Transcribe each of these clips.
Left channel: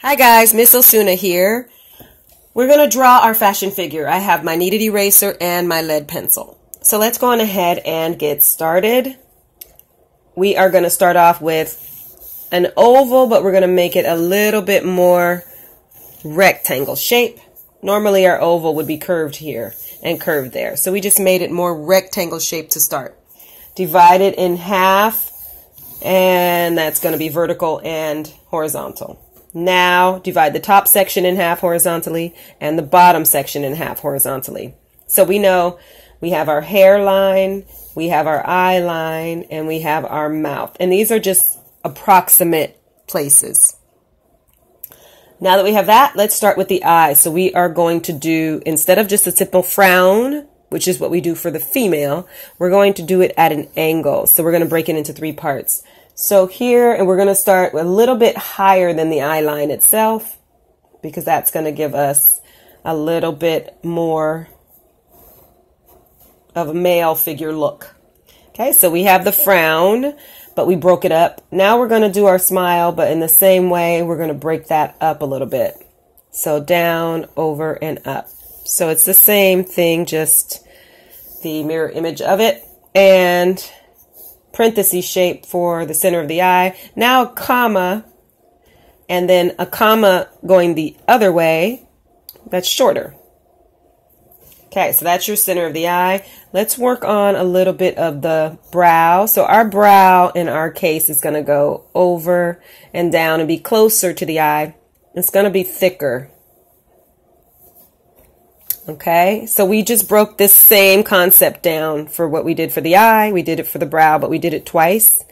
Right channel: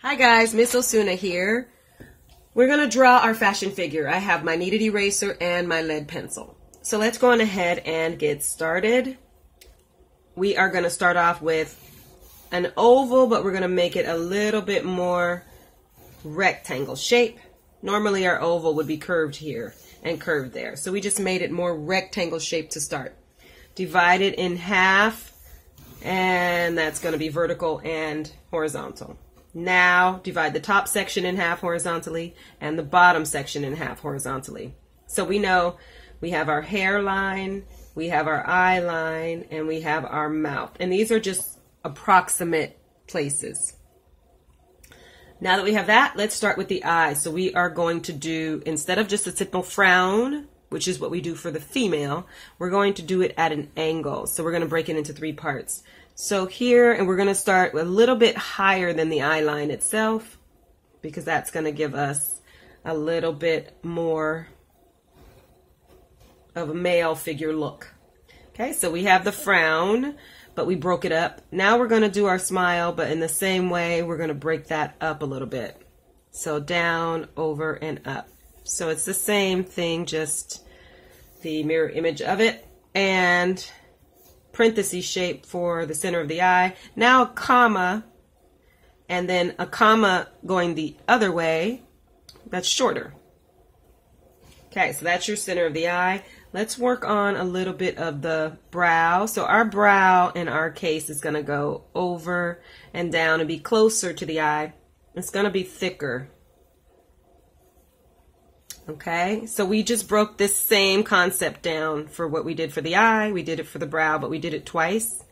Hi guys, Miss Osuna here. We're going to draw our fashion figure. I have my kneaded eraser and my lead pencil. So let's go on ahead and get started. We are going to start off with an oval, but we're going to make it a little bit more rectangle shape. Normally our oval would be curved here and curved there. So we just made it more rectangle shape to start. Divide it in half, and that's going to be vertical and horizontal. Now divide the top section in half horizontally and the bottom section in half horizontally. So we know we have our hairline, we have our eye line, and we have our mouth. And these are just approximate places. Now that we have that, let's start with the eyes. So we are going to do, instead of just a simple frown, which is what we do for the female, we're going to do it at an angle. So we're going to break it into 3 parts. So here, and we're going to start a little bit higher than the eye line itself, because that's going to give us a little bit more of a male figure look. Okay, so we have the frown, but we broke it up. Now we're going to do our smile, but in the same way, we're going to break that up a little bit. So down, over, and up. So it's the same thing, just the mirror image of it. And parenthesis shape for the center of the eye. Now a comma, and then a comma going the other way. That's shorter. Okay, so that's your center of the eye. Let's work on a little bit of the brow. So our brow, in our case, is going to go over and down and be closer to the eye. It's going to be thicker. Okay, so we just broke this same concept down for what we did for the eye. We did it for the brow, but we did it twice.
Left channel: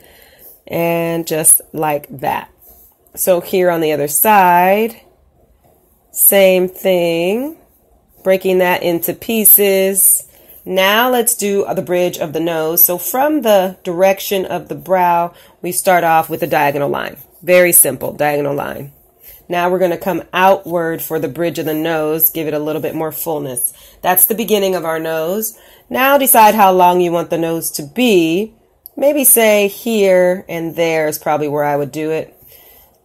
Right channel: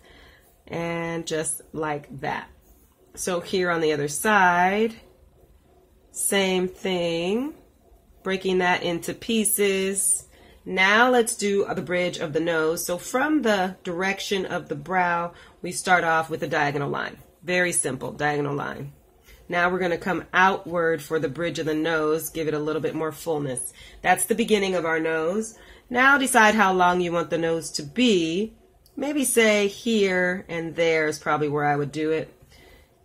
And just like that. So here on the other side, same thing. Breaking that into pieces. Now let's do the bridge of the nose. So from the direction of the brow, we start off with a diagonal line. Very simple, diagonal line. Now we're going to come outward for the bridge of the nose, give it a little bit more fullness. That's the beginning of our nose. Now decide how long you want the nose to be. Maybe say here and there is probably where I would do it.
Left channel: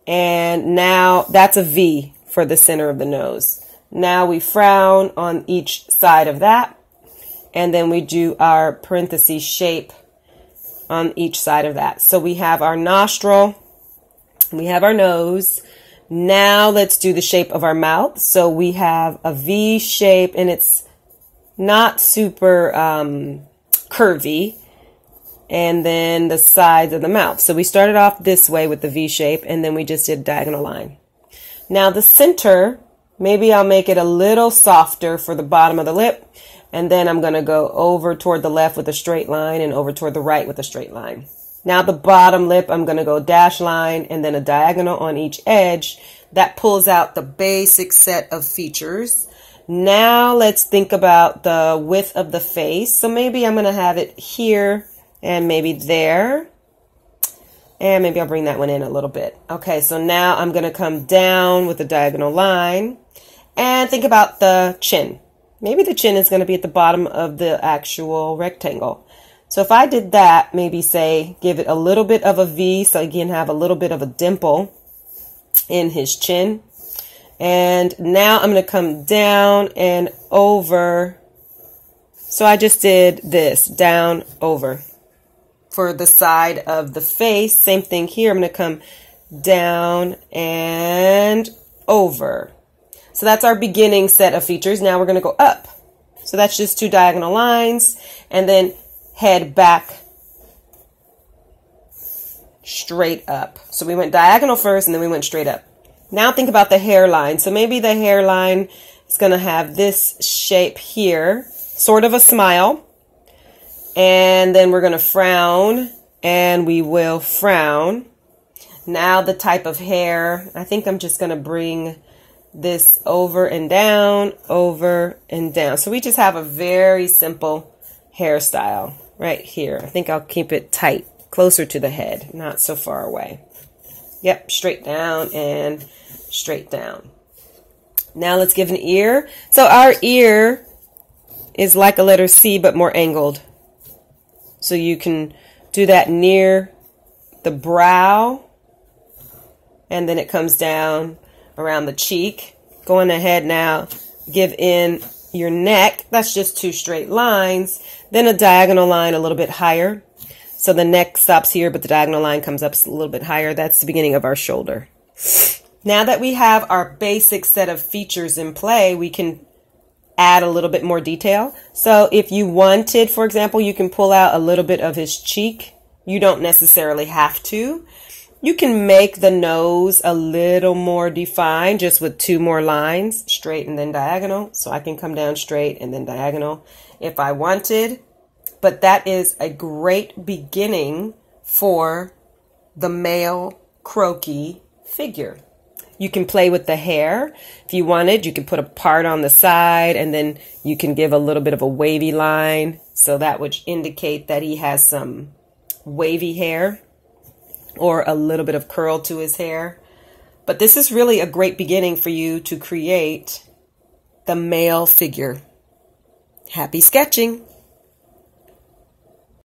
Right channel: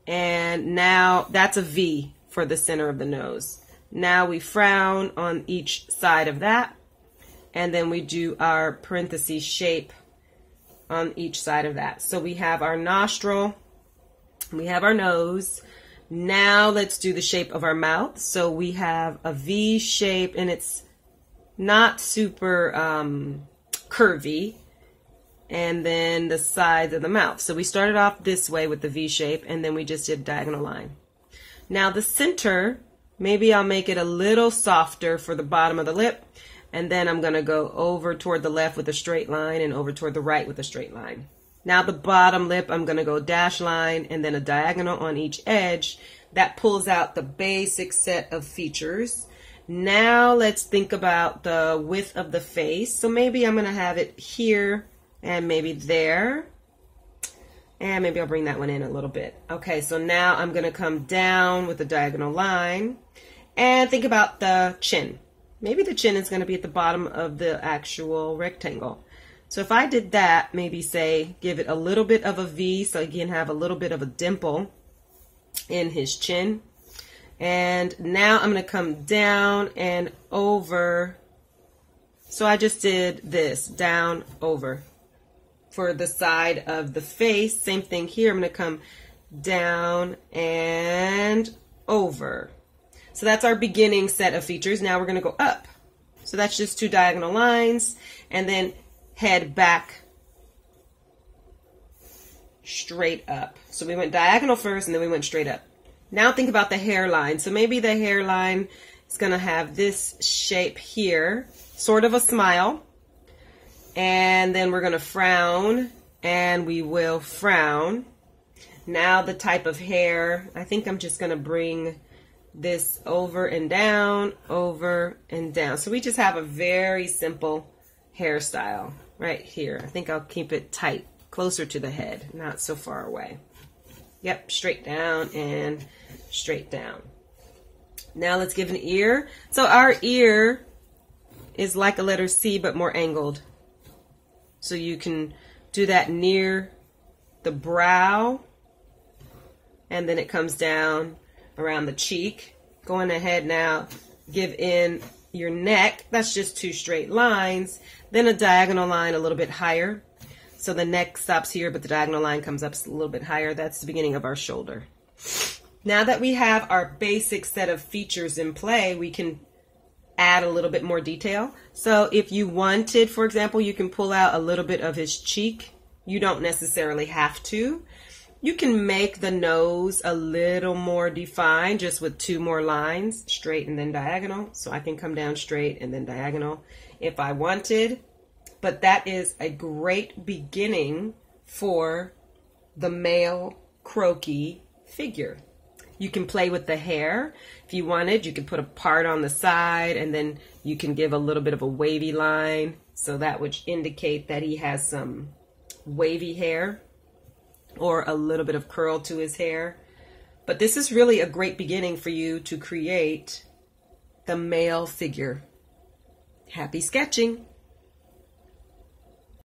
And now that's a V for the center of the nose. Now we frown on each side of that. And then we do our parenthesis shape on each side of that. So we have our nostril, we have our nose. Now let's do the shape of our mouth. So we have a V shape, and it's not super curvy. And then the sides of the mouth. So we started off this way with the V shape, and then we just did a diagonal line. Now the center, maybe I'll make it a little softer for the bottom of the lip. And then I'm going to go over toward the left with a straight line and over toward the right with a straight line. Now the bottom lip, I'm going to go dash line and then a diagonal on each edge. That pulls out the basic set of features. Now let's think about the width of the face. So maybe I'm going to have it here and maybe there. And maybe I'll bring that one in a little bit. Okay, so now I'm going to come down with a diagonal line. And think about the chin. Maybe the chin is going to be at the bottom of the actual rectangle. So if I did that, maybe say, give it a little bit of a V, so again, have a little bit of a dimple in his chin. And now I'm going to come down and over. So I just did this, down, over. For the side of the face, same thing here. I'm going to come down and over. So that's our beginning set of features. Now we're going to go up. So that's just 2 diagonal lines. And then head back straight up. So we went diagonal first and then we went straight up. Now think about the hairline. So maybe the hairline is going to have this shape here, sort of a smile. And then we're going to frown, and we will frown. Now the type of hair, I think I'm just going to bring this over and down, over and down. So we just have a very simple hairstyle right here. I think I'll keep it tight, closer to the head, not so far away. Yep, straight down and straight down. Now let's give an ear. So our ear is like a letter C, but more angled. So you can do that near the brow, and then it comes down around the cheek. Going ahead now, give in your neck. That's just 2 straight lines. Then a diagonal line a little bit higher. So the neck stops here, but the diagonal line comes up a little bit higher. That's the beginning of our shoulder. Now that we have our basic set of features in play, we can add a little bit more detail. So if you wanted, for example, you can pull out a little bit of his cheek. You don't necessarily have to. You can make the nose a little more defined just with 2 more lines, straight and then diagonal. So I can come down straight and then diagonal if I wanted. But that is a great beginning for the male Croqui figure. You can play with the hair. If you wanted, you can put a part on the side and then you can give a little bit of a wavy line. So that would indicate that he has some wavy hair or a little bit of curl to his hair. But this is really a great beginning for you to create the male figure. Happy sketching!